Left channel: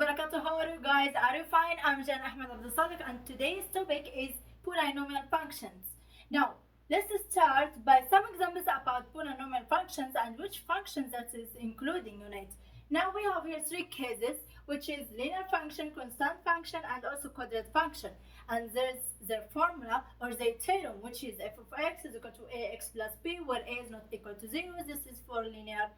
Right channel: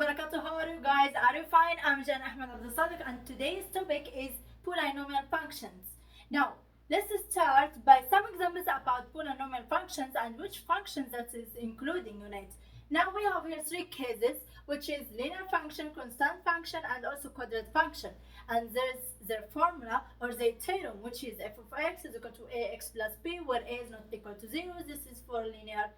wabarakatuh. How are you guys? Are you fine? I'm Jan Ahmed Abdul Sadiq and today's topic is polynomial functions. Now, let's start by some examples about polynomial functions and which functions that is including in it. Now we have here three cases, which is linear function, constant function, and also quadratic function. And there's their formula or their theorem, which is f of x is equal to ax plus b, where a is not equal to 0. This is for linear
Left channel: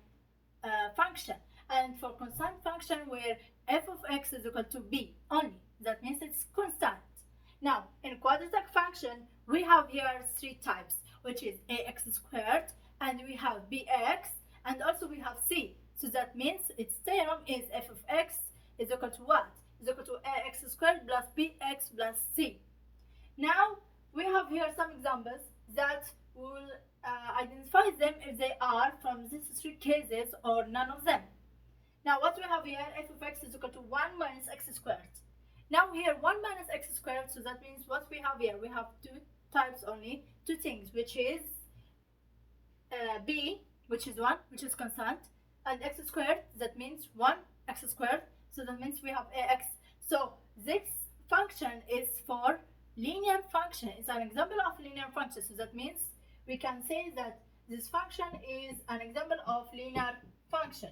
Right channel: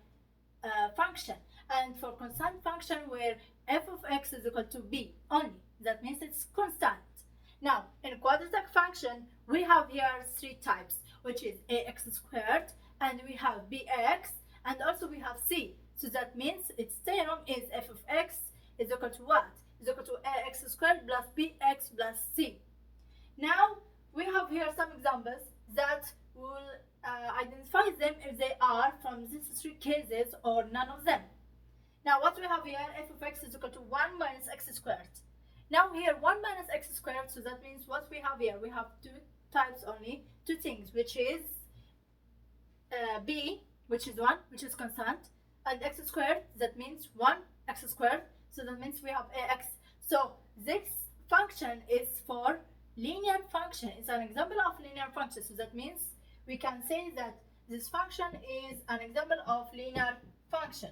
function. And for constant function, where f of x is equal to b only, that means it's constant. Now in quadratic function we have here three types, which is ax squared, and we have bx, and also we have c. So that means its theorem is f of x is equal to what? Is equal to ax squared plus bx plus c. Now we have here some examples that will identify them if they are from these three cases or none of them. Now what we have here, f of x is equal to 1 minus x squared. Now here 1 minus x squared, so that means what we have here, we have two types only, two things, which is b, which is 1, which is constant, and x squared, that means 1 x squared, so that means we have ax. So this function is for linear function. It's an example of linear function, so that means we can say that this function is an example of linear function.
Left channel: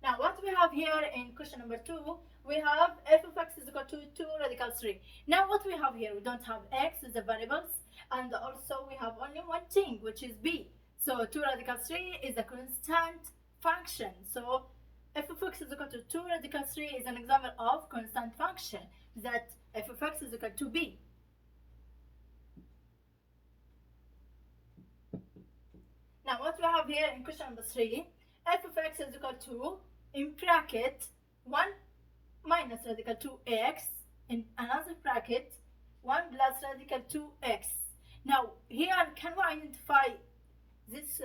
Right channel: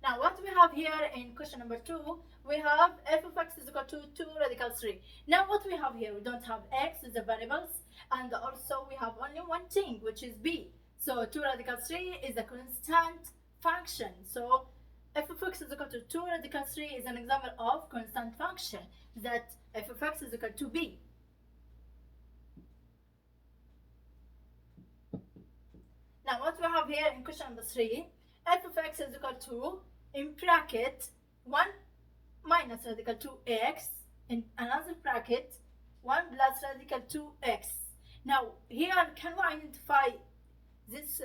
Now what we have here in question number 2, we have f of x is equal to 2 radical 3. Now what we have here, we don't have x as the variables, and also we have only one thing, which is b. So 2 radical 3 is a constant function. So f of x is equal to 2 radical 3 is an example of constant function, that f of x is equal to b. Now what we have here in question number 3, f of x is equal to, in bracket, 1 minus radical 2x, in another bracket 1 plus radical 2x. Now here, can we identify this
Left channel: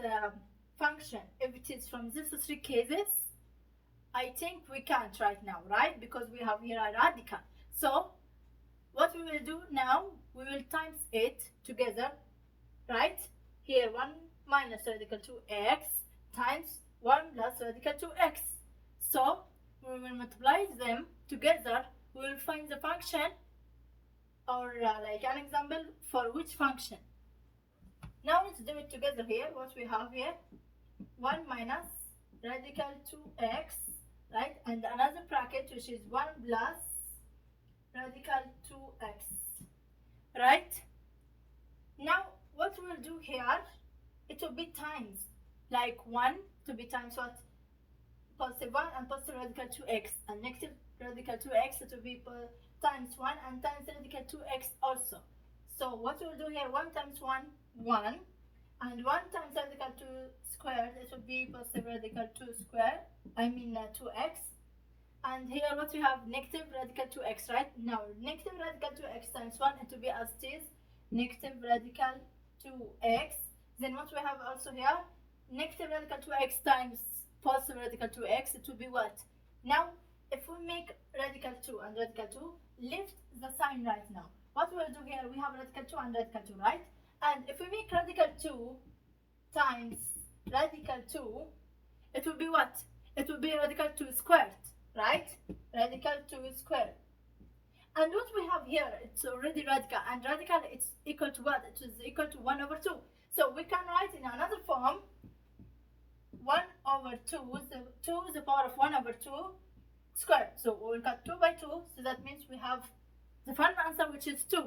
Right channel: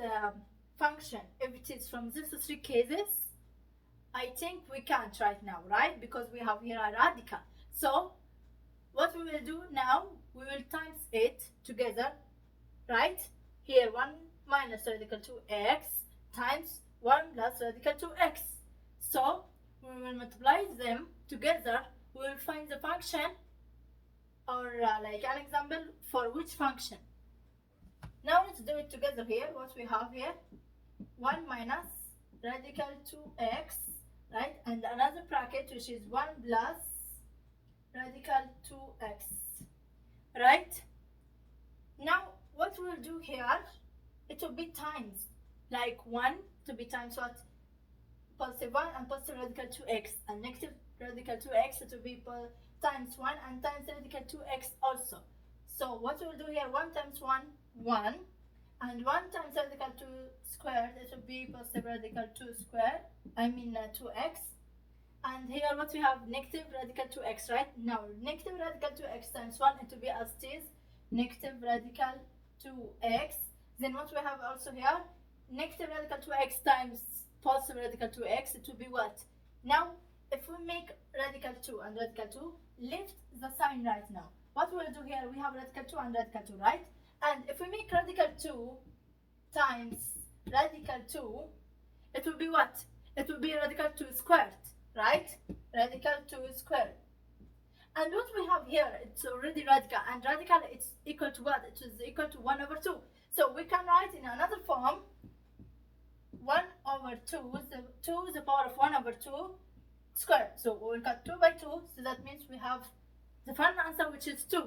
function if it is from these three cases? I think we can't right now, right? Because we have here a radical. So what we will do now, we will times it together, right? Here 1 minus radical 2x times 1 plus radical 2x. So we will multiply them together, we will find the function, or like an example for which function. Now let's do it together here. What we have here, 1 minus radical 2x, right? And another bracket, which is 1 plus radical 2x, right? Now what we will do here, it will be times, like 1 to be times what? Positive 1 and positive radical 2x, and negative radical 2x, it will be times 1 and times radical 2x also. So what we will do here, 1 times 1, 1, and 1 times radical 2 squared, it will be positive radical 2 squared, 2x. And here what we have, negative radical 2x, right? Now negative radical 2x times 1, it will be as it is, negative radical 2x. Then what we have also here, negative radical 2x times positive radical 2x, it will be what? Now if we make radical 2 and radical 2, lift the sign right now. What we'll do here, we have radical 2 and radical 2, right? And if we make radical 2 times radical 2, it will be what? It will be radical 2 squared, right? Radical 2 squared. And what we have here, it's already radical, and radical it's equal to what? It is equal to 1 over 2. So we can write in another form, 1 over 2, the 2 is the power of 1 over 2 squared. So we will cut 2 by 2, so that means we have the final answer, which is 2.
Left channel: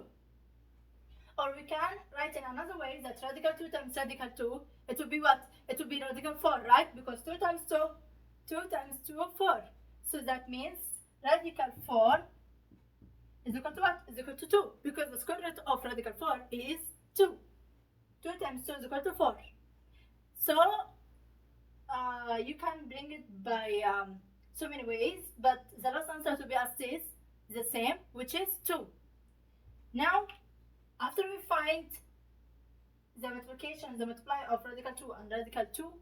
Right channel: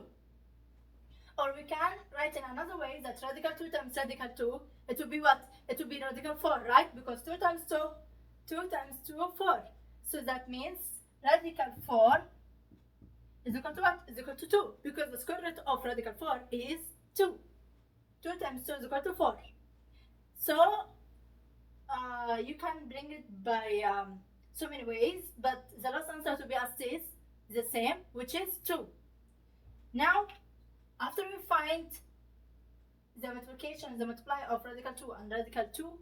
Or we can write in another way, that radical 2 times radical 2, it will be what? It will be radical 4, right? Because 2 times 2, 2 times 2, 4. So that means radical 4 is equal to what? Is equal to 2, because the square root of radical 4 is 2. 2 times 2 is equal to 4. So you can bring it by so many ways, but the last answer to be as is the same, which is 2. Now after we find the multiplication, the multiply of radical 2 and radical 2,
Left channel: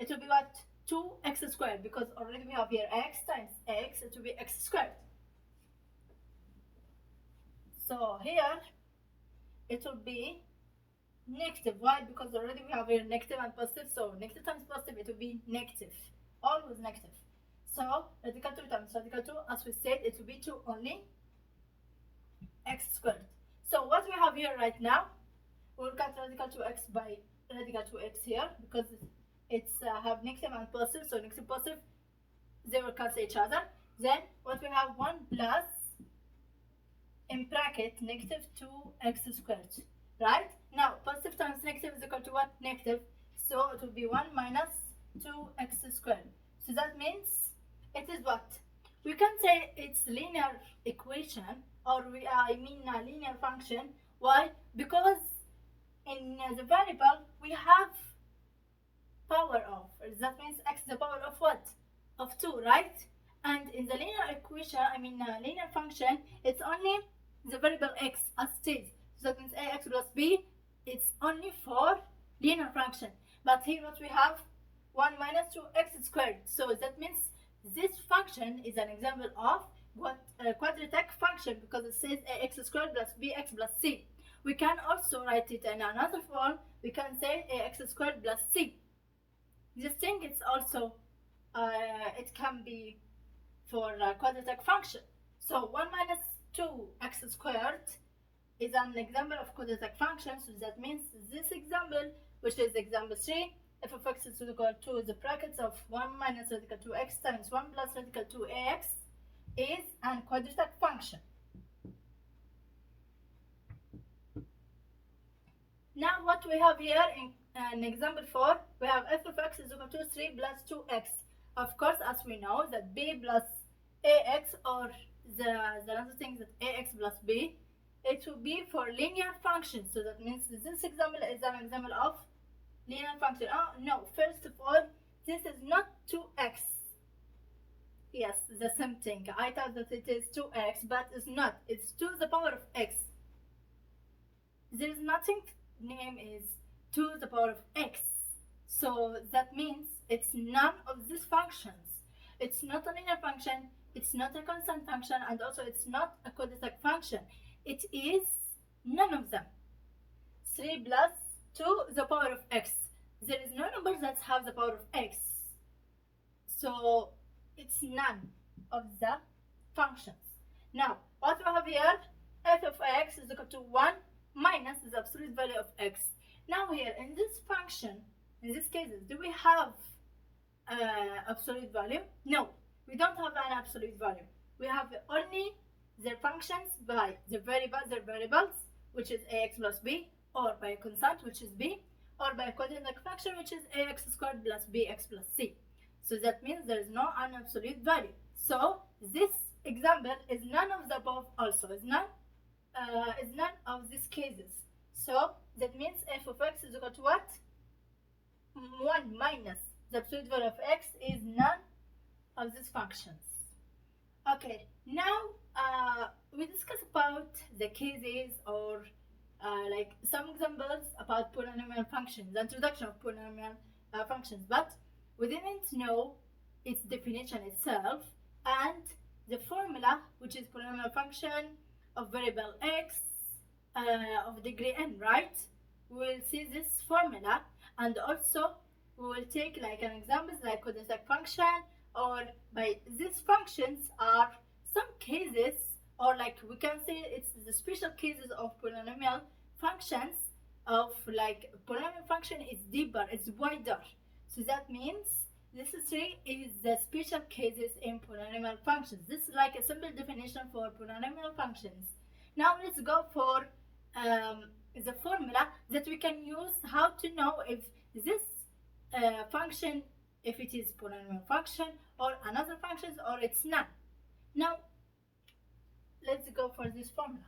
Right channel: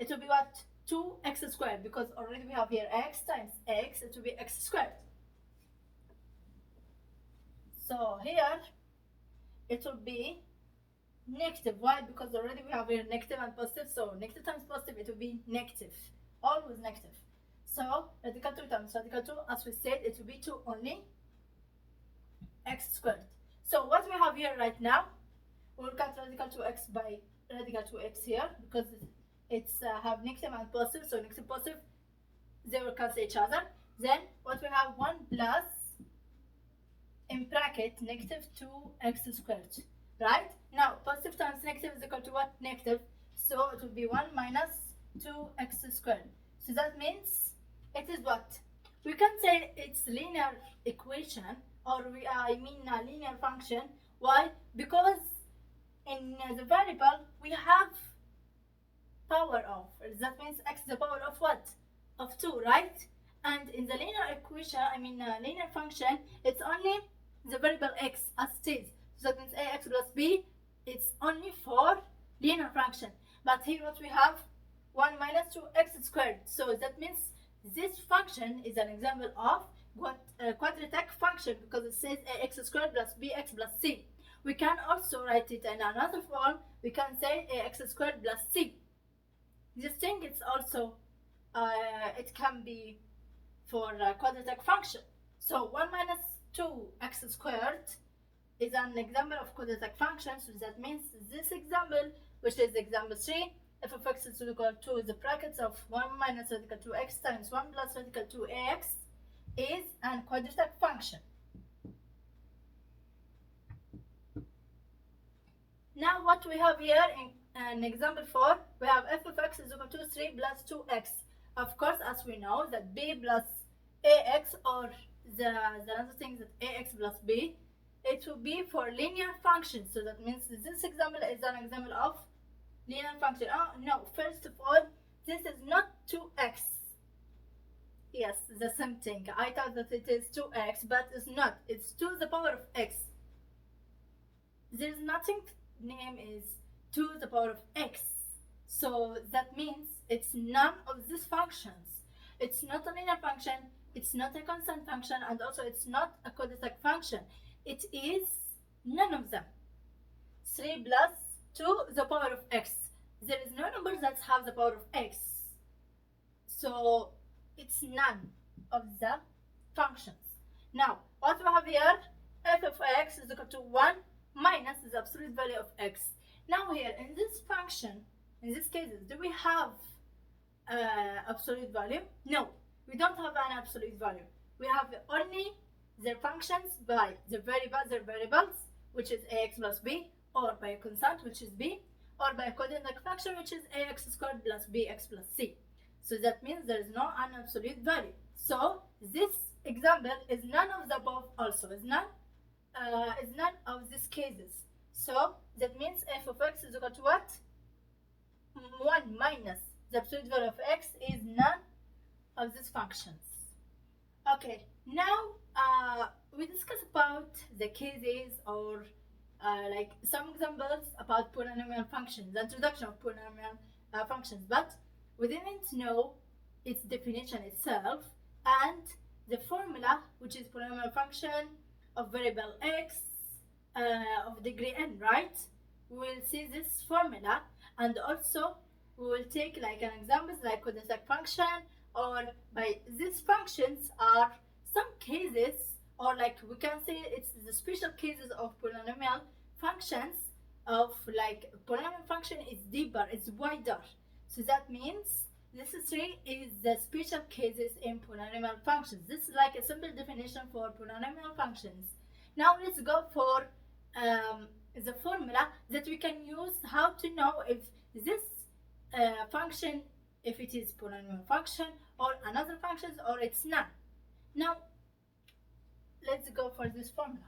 it will be what? 2x squared, because already we have here x times x, it will be x squared. So here it will be negative. Why? Because already we have here negative and positive, so negative times positive, it will be negative, always negative. So radical 2 times radical 2, as we said, it will be 2 only x squared. So what we have here right now, we'll cut radical 2x by radical 2x here because it's have negative and positive, so negative positive, they will cancel each other. Then what we have, 1 plus in bracket negative 2x squared, right? Now positive times negative is equal to what? Negative, so it will be 1 minus 2x squared. So that means it is what? We can say it's linear equation, or a linear function. Why? Because in the variable we have power of, that means x to the power of what? Of 2, right? And in the linear equation, linear function, it's only the variable x as it is. So that means ax plus b, it's only for linear function. But here what we have, 1 minus 2x squared. So that means this function is an example of what quadratic function, because it says ax squared plus bx plus c. We can also write it in another form. We can say ax squared plus c. This thing is also it can be for quadratic function. So 1 minus 2x squared is an example of quadratic function. So that means this example, which is example 3, f of x is equal to the brackets of 1 minus radical 2x times 1 plus radical 2ax is an quadratic function. Now what we have here in example 4, we have f of x is equal to 3 plus 2x. Of course, as we know that b plus ax, or the other thing that ax plus b, it will be for linear function. So that means this example is an example of linear function. Oh no, first of all, this is not 2x. Yes, the same thing. I thought that it is 2x, but it's not. It's 2 to the power of x. There is nothing name is 2 to the power of x. So that means it's none of these functions. It's not a linear function, it's not a constant function, and also it's not a quadratic function. It is none of them. 3 plus 2 to the power of x. There is no number that have the power of x. So it's none of the functions. Now, what we have here, f of x is equal to 1 minus the absolute value of x. Now here, in this function, in these cases, do we have absolute value? No, we don't have an absolute value. We have only their functions by their variables, which is ax plus b, or by a constant, which is b, or by a quadratic function, which is ax squared plus bx plus c. So that means there is no an absolute value. So this example is none of the above also, is none of these cases. So that means f of x is equal to what? 1 minus the absolute value of x is none of these functions. Okay, now we discuss about the cases, or like some examples about polynomial functions, the introduction of polynomial functions, but we didn't know its definition itself and the formula, which is polynomial function of variable x of degree n, right? We will see this formula, and also we will take like an examples like quadratic function, or by these functions are some cases, or like we can say it's the special cases of polynomial functions. Of like polynomial function is deeper, it's wider. So that means this 3 is the special cases in polynomial functions. This is like a simple definition for polynomial functions. Now let's go for the formula that we can use how to know if this function, if it is polynomial function or another functions, or it's none. Now let's go for this formula.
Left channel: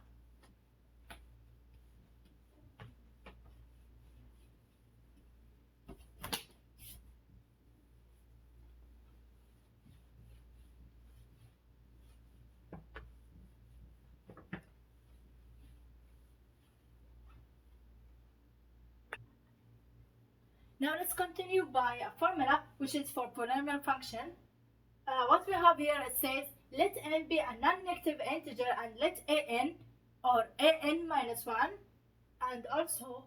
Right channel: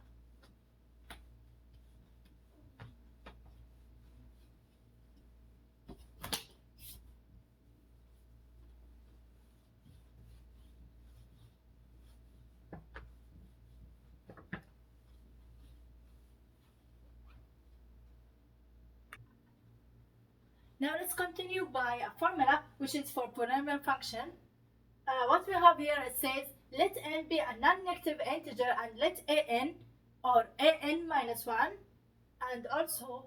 Now let's continue by a formula which is for polynomial function. What we have here, it says let n be a non-negative integer and let an, or an minus 1, and also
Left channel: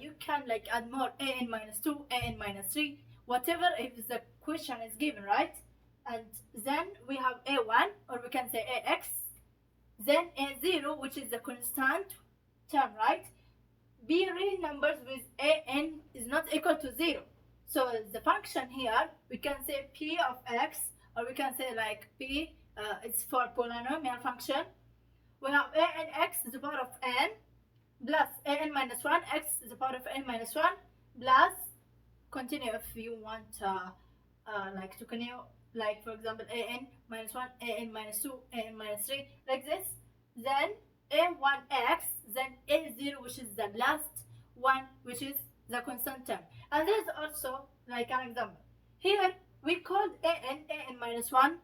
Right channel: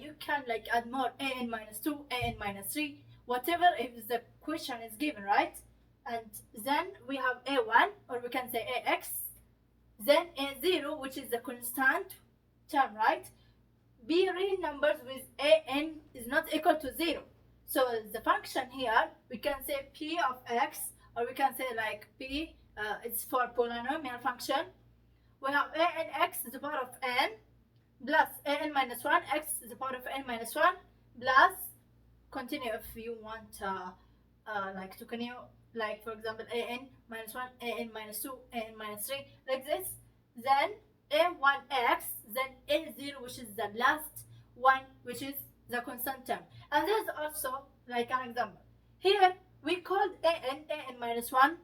you can like add more, an minus 2, an minus 3, whatever if the question is given, right? and then we have a1, or we can say ax, then a0, which is the constant term, right? Be real numbers with an is not equal to 0. So the function here, we can say p of x, or we can say like p, it's for polynomial function. We have a n x to the power of n plus a n minus 1 x to the power of n minus 1 plus, continue if you want like to continue, like for example a n minus 1, a n minus 2, a n minus 3, like this. Then a1x, then a0, which is the last one, which is the constant term. And there's also like an example. Here we called an minus 1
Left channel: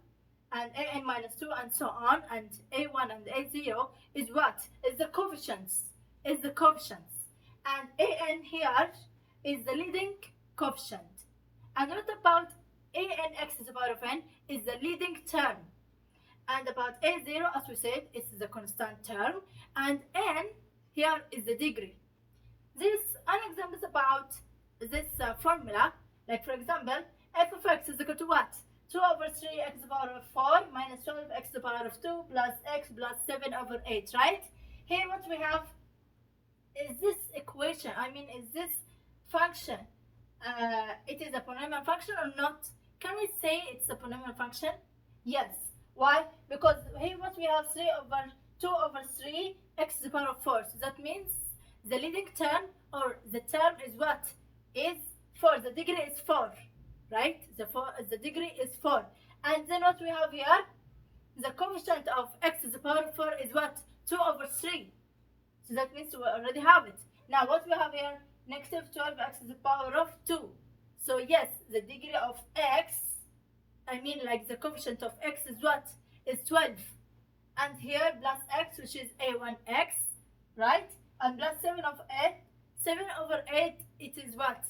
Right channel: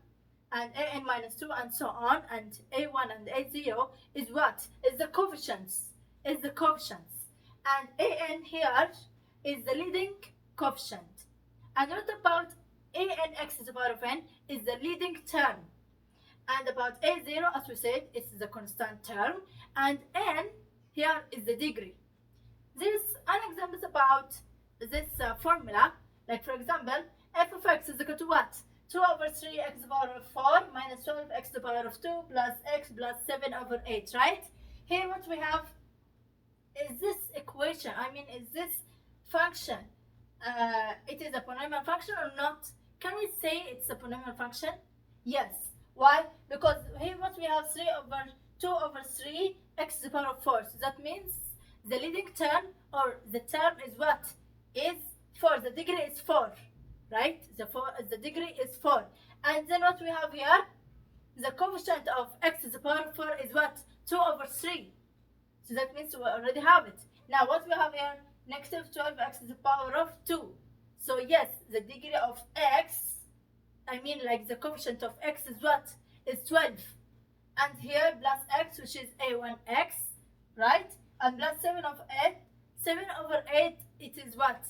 and an minus 2 and so on, and a1 and a0 is what? Is the coefficients. Is the coefficients. And an here is the leading coefficient. And what about a n x to the power of n is the leading term. And about a0, as we said, it's the constant term. And n here is the degree. There's an example about this formula. Like for example, f of x is equal to what? 2 over 3 x to the power of 4 minus 12 x to the power of 2 plus x plus 7 over 8, right? Here what we have is this equation. I mean, is this function, it is a polynomial function or not? Can we say it's a polynomial function? Yes. Why? Because here what we have 2 over 3 x to the power of 4. So that means the leading term, or the term, is what? Is 4. The degree is 4, right? The degree is 4. And then what we have here, the coefficient of x to the power of 4 is what? 2 over 3. So that means we already have it. Now what we have here, negative 12x to the power of 2. So yes, the degree of x, I mean like the coefficient of x is what? Is 12. And here plus x, which is a1x, right? And plus 7 over 8. 7 over 8, it is what?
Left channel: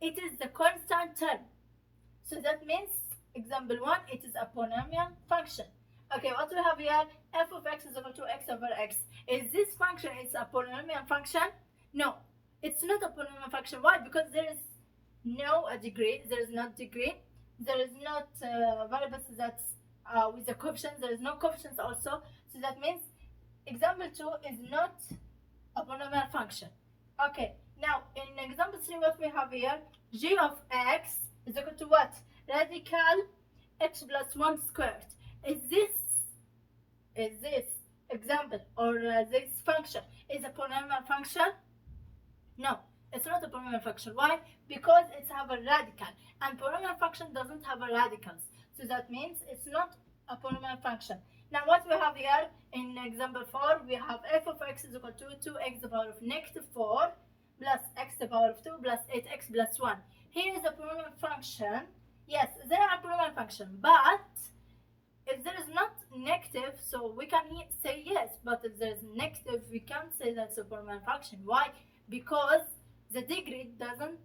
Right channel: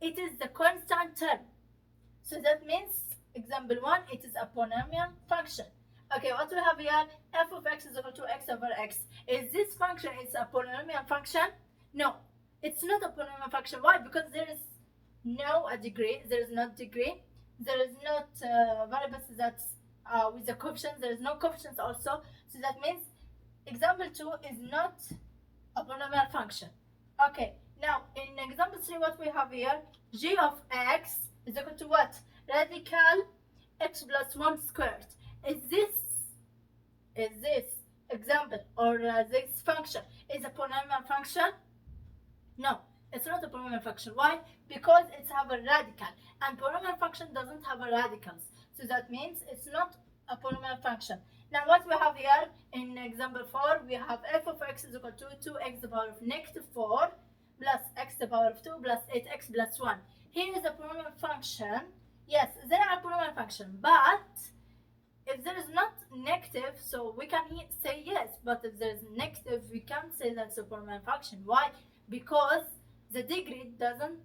It is the constant term. So that means, example 1, it is a polynomial function. Okay, what we have here, f of x is equal to x over x. Is this function is a polynomial function? No, it's not a polynomial function. Why? Because there is no degree. There is not degree. There is not variables that with the coefficients. There is no coefficients also. So that means example 2 is not a polynomial function. Okay, now in example 3, what we have here, g of x is equal to what? Radical x plus 1 squared. Is this example, or this function is a polynomial function? No, it's not a polynomial function. Why? Because it's have a radical, and polynomial function doesn't have a radicals. So that means it's not a polynomial function. Now what we have here in example 4, we have f of x is equal to 2x to the power of negative 4 plus x to the power of 2 plus 8x plus 1. Here is a polynomial function. Yes, they are a polynomial function, but if there is not negative, so we can say yes, but if there is negative, we can't say that's a polynomial function. Why? Because the degree doesn't,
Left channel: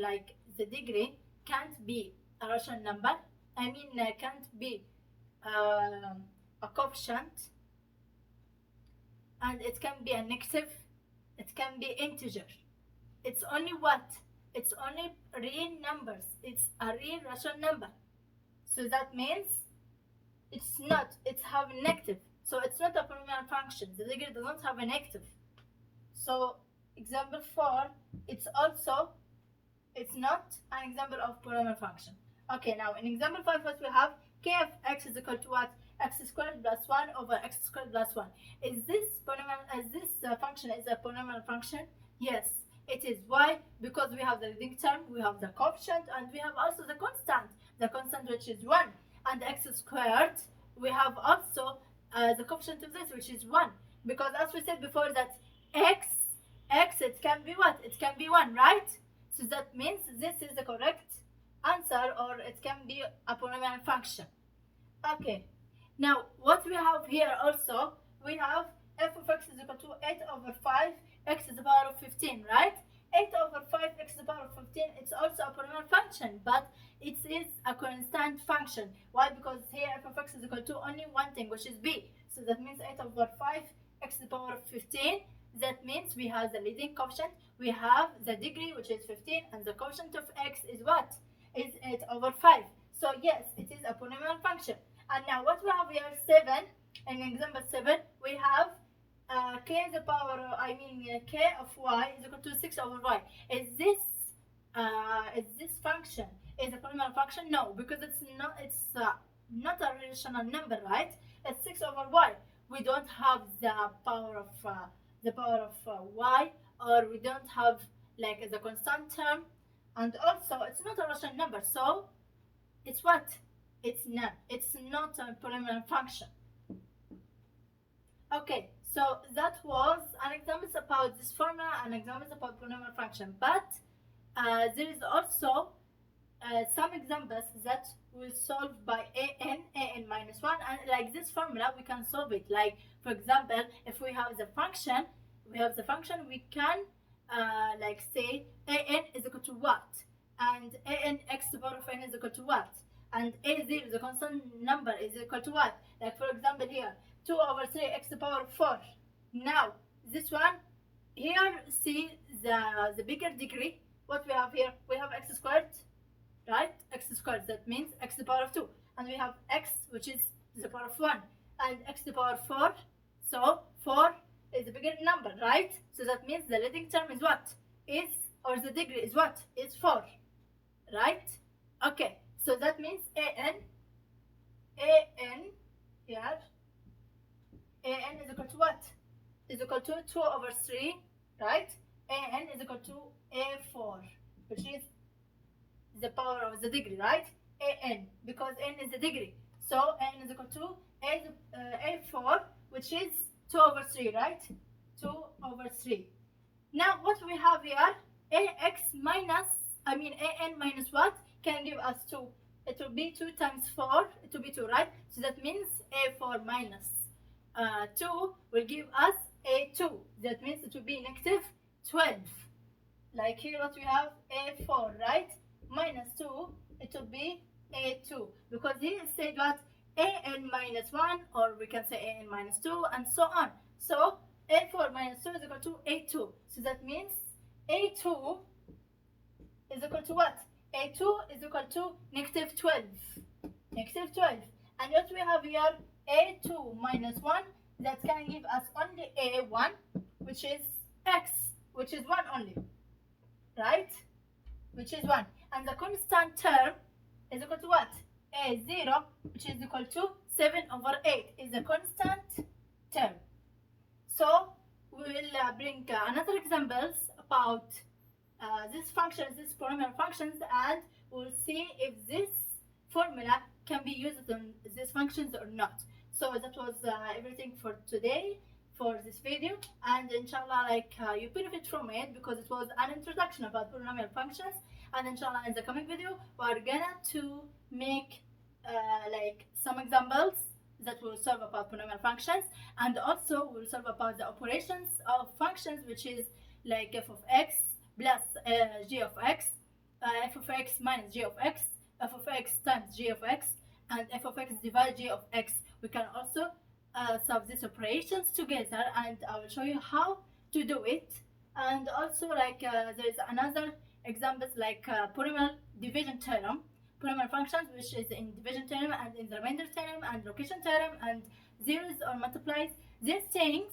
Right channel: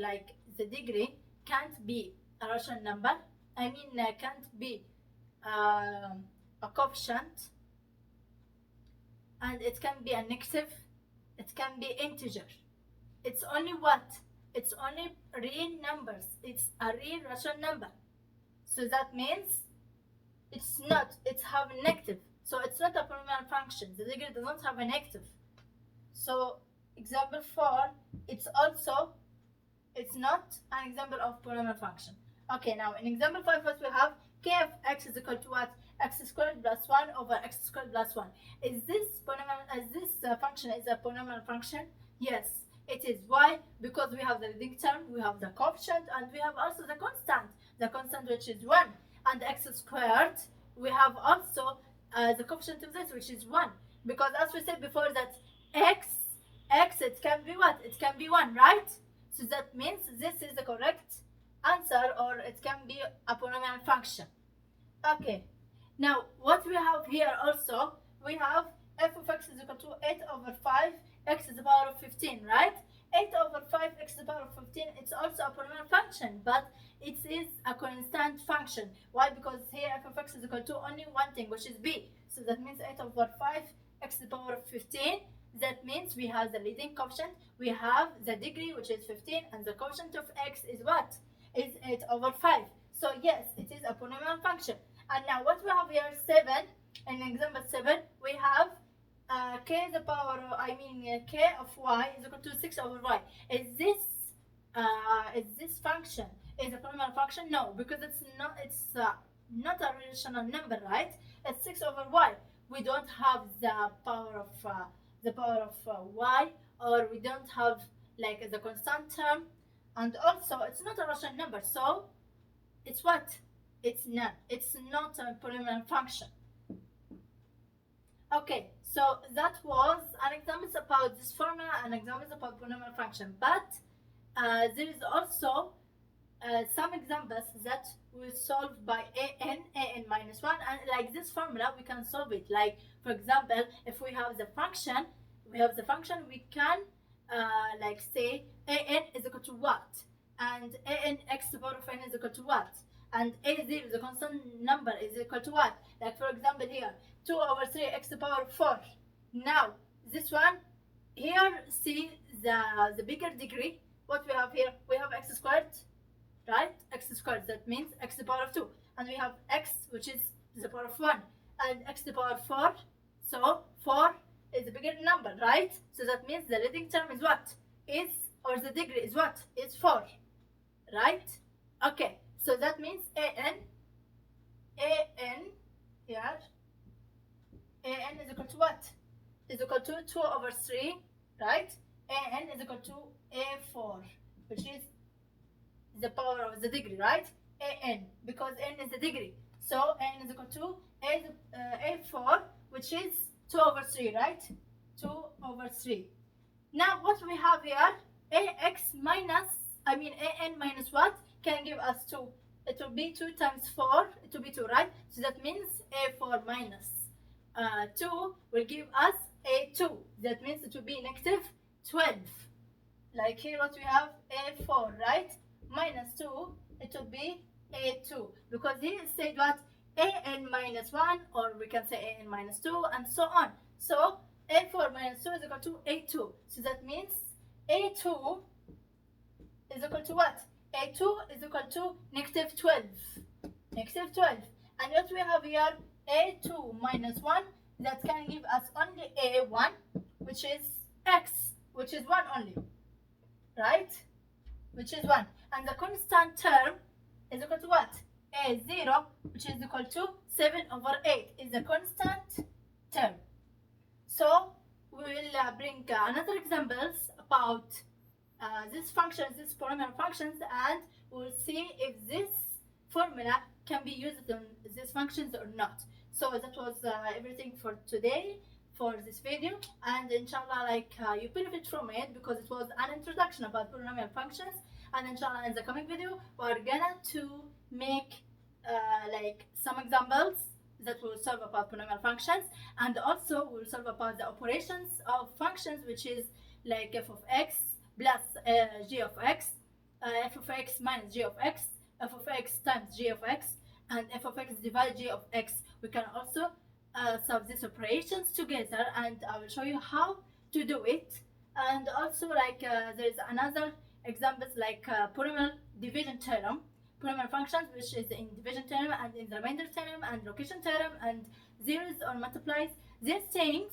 like the degree can't be a rational number. I mean, can't be a coefficient, and it can be a negative, it can be integer. It's only what? It's only real numbers. It's a real rational number. So that means it's not, it's have a negative. So it's not a polynomial function. The degree doesn't have a negative. So example 4, it's not an example of polynomial function. Okay, now in example 5, what we have, k of x is equal to what? X squared plus 1 over x squared plus 1. Is this function is a polynomial function? Yes, it is. Why? Because we have the leading term, we have the coefficient, and we have also the constant which is 1. And x squared, we have also the coefficient of this, which is 1. Because as we said before, that x, it can be what? It can be 1, right? So that means this is the correct answer, or it can be a polynomial function. Okay, now what we have here also, we have f of x is equal to 8 over 5 x to the power of 15, right? 8 over 5 x to the power of 15, it's also a polynomial function, but it is a constant function. Why? Because here f of x is equal to only one thing, which is b. So that means 8 over 5 x to the power of 15. That means we have the leading coefficient, we have the degree, which is 15, and the coefficient of x is what? Is 8 over 5. So yes, it is a polynomial function. And now what we have here, 7. In example 7, we have k the power, k of y is equal to 6 over y. Is this function is a polynomial function? No, because it's not a rational number, right? It's 6 over y. We don't have the power of y, or we don't have like the constant term, and also it's not a rational number, so it's what? It's none. It's not a polynomial function. Okay, so that was an example about this formula and examples about polynomial function. But there is also some examples that we solve by an minus 1, and like this formula we can solve it. Like for example, if we have the function, we can like say an is equal to what, and an x to the power of n is equal to what, and a0, the constant number, is equal to what. Like for example here, 2 over 3 x to the power of 4. Now this one here, see the bigger degree. What we have here, we have x squared, right? X squared, that means x to the power of 2, and we have x, which is the power of 1, and x to the power of 4. So 4 is a bigger number, right? So that means the leading term is what? Or the degree is what? Is 4, right? Okay, so that means an here, an is equal to what? Is equal to 2 over 3, right? An is equal to a4, which is the power of the degree, right? An, because n is the degree. So n is equal to a4, which is 2 over 3, right? 2 over 3. Now what we have here, an minus what can give us 2. It will be 2 times 4, it will be 2, right? So that means a4 minus 2 will give us a2. That means it will be negative 12. Like here what we have, a4, right? Minus 2, it will be a2. Because here it said what? An minus 1, or we can say an minus 2, and so on. So a4 minus 2 is equal to a2. So that means a2 is equal to what? a2 is equal to negative 12. Negative 12. And what we have here, a2 minus 1, that can give us only a1, which is x, which is 1 only, right? Which is 1. And the constant term is equal to what? A0, which is equal to 7 over 8, is the constant term. So we will bring another examples about these functions, these polynomial functions, and we'll see if this formula can be used on these functions or not. So that was everything for today, for this video, and inshallah, like you benefit from it, because it was an introduction about polynomial functions. And inshallah, in the coming video, we're gonna to make like some examples that will solve about polynomial functions, and also we'll solve about the operations of functions, which is like f of x plus g of x, f of x minus g of x, f of x times g of x, and f of x divided g of x. We can also solve these operations together, and I will show you how to do it. And also, like there is another examples like polynomial division theorem, polynomial functions, which is in division theorem and in the remainder theorem and location theorem and zeros or multiplies. These things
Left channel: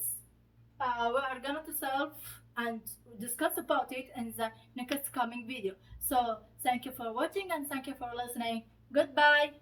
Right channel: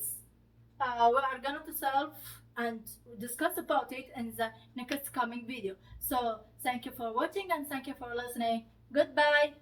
we are going to solve and discuss about it in the next coming video. So thank you for watching and thank you for listening. Goodbye.